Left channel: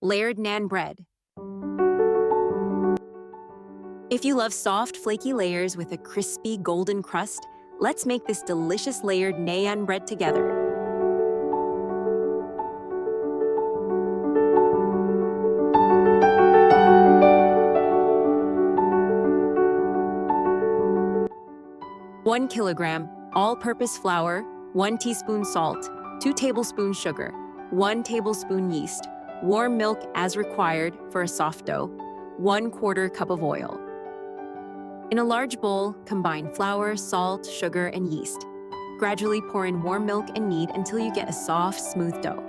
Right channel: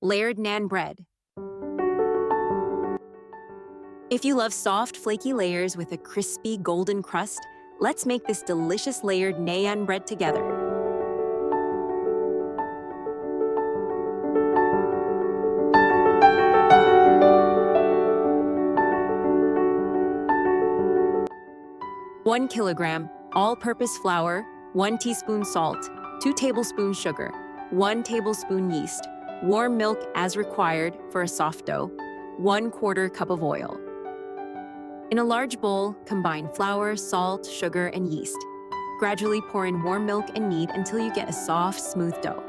Layered naan bread. If you love soft, flaky layers with a crispy, golden crust, let's make this delicious layered naan bread together. One kilogram all-purpose flour, 1 teaspoon salt, 2 tablespoons sugar, 1 tablespoon yeast, warm milk as required for a soft dough, 1/4 cup of oil. In a large bowl, combine flour, salt, sugar, and yeast. Gradually pour in warm milk and knead until you get a soft, smooth dough.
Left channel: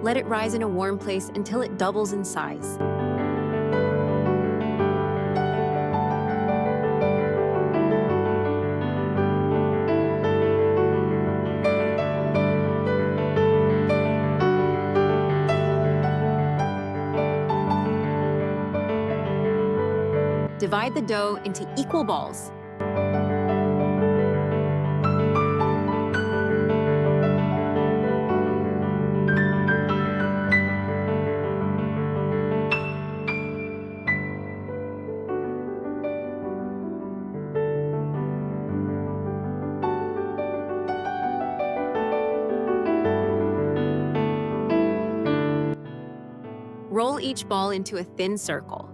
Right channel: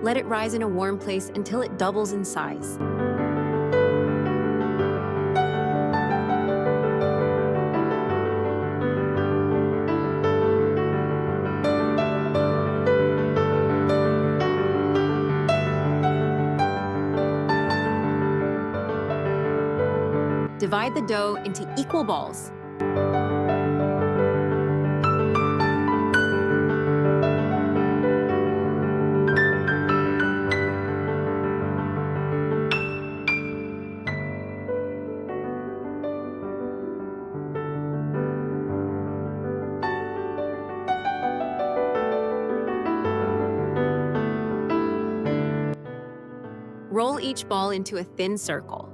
Let it rise in a warm place until it doubles in size. Divide the dough into equal balls. Roll each ball into a thin circle.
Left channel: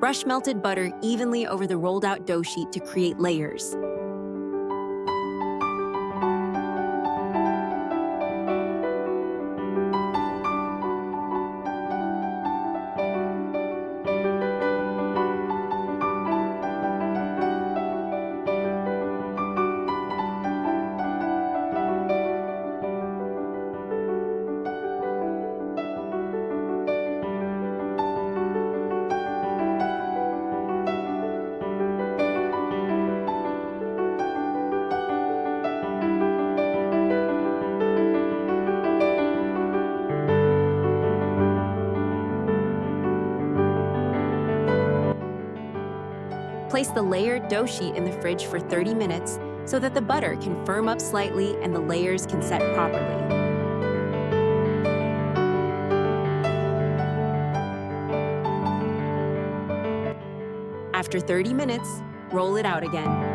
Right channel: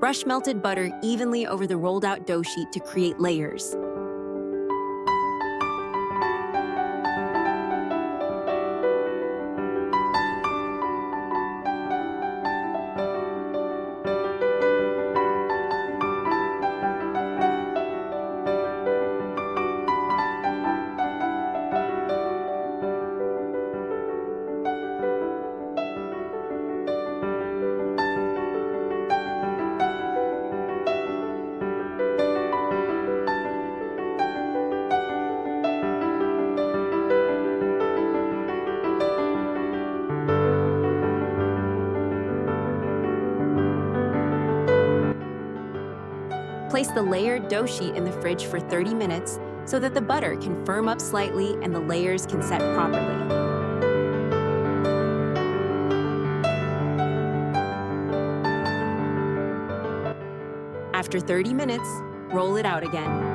Brush melted butter evenly over the rolled out dough sheet to create layers. Place the layered dough sheet in the fridge for 30 minutes so that the butter can firm up slightly and the layers can set properly. After 30 minutes, roll it out again.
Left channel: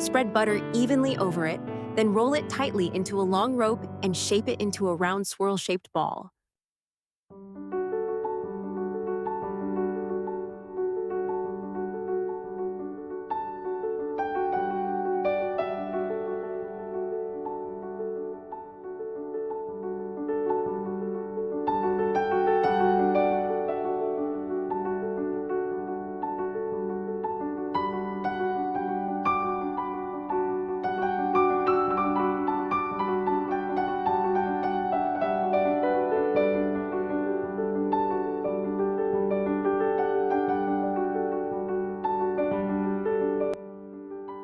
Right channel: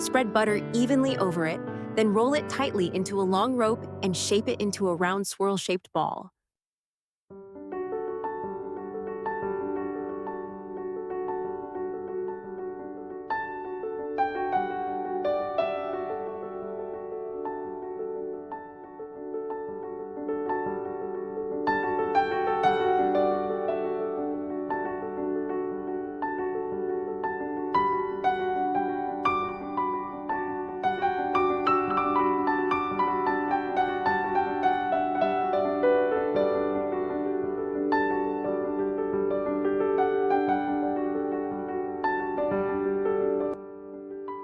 Spread butter evenly over it, then roll it tightly into a long rope and shape it into a round swirl-shaped ball.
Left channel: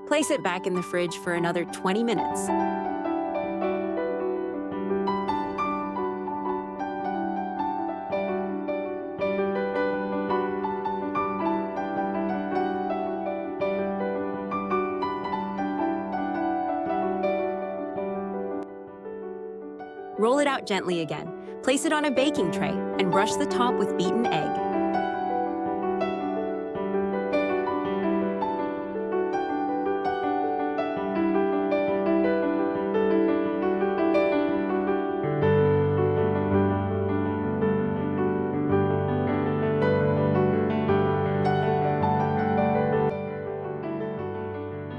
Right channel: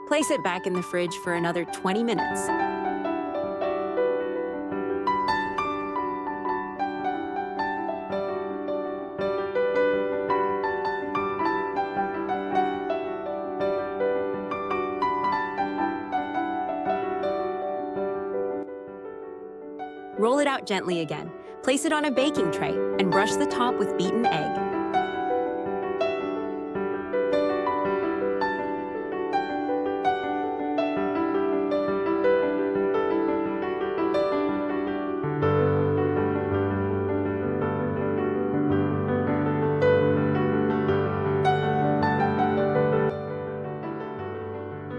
Place it back in the fridge for another 20 minutes. Roll it out gently again. Place it on a baking tray and brush the top with beaten egg.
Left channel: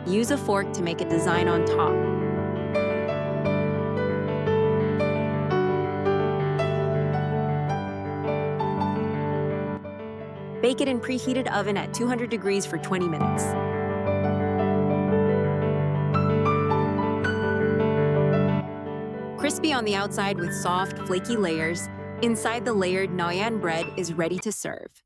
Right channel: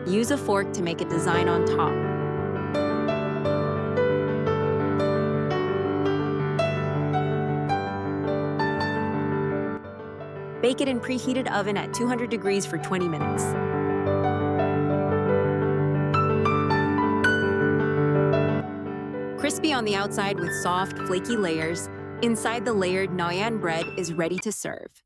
Use a fork to make a design on top. Bake it in preheated oven at 200 degrees for 20 minutes. Crispy on the outside with soft, flaky layers, inside the layered Naan bread is ready to serve.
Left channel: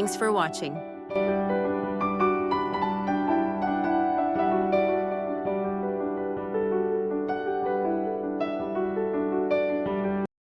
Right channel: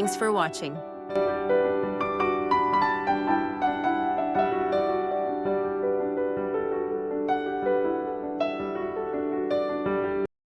Thanks for watching.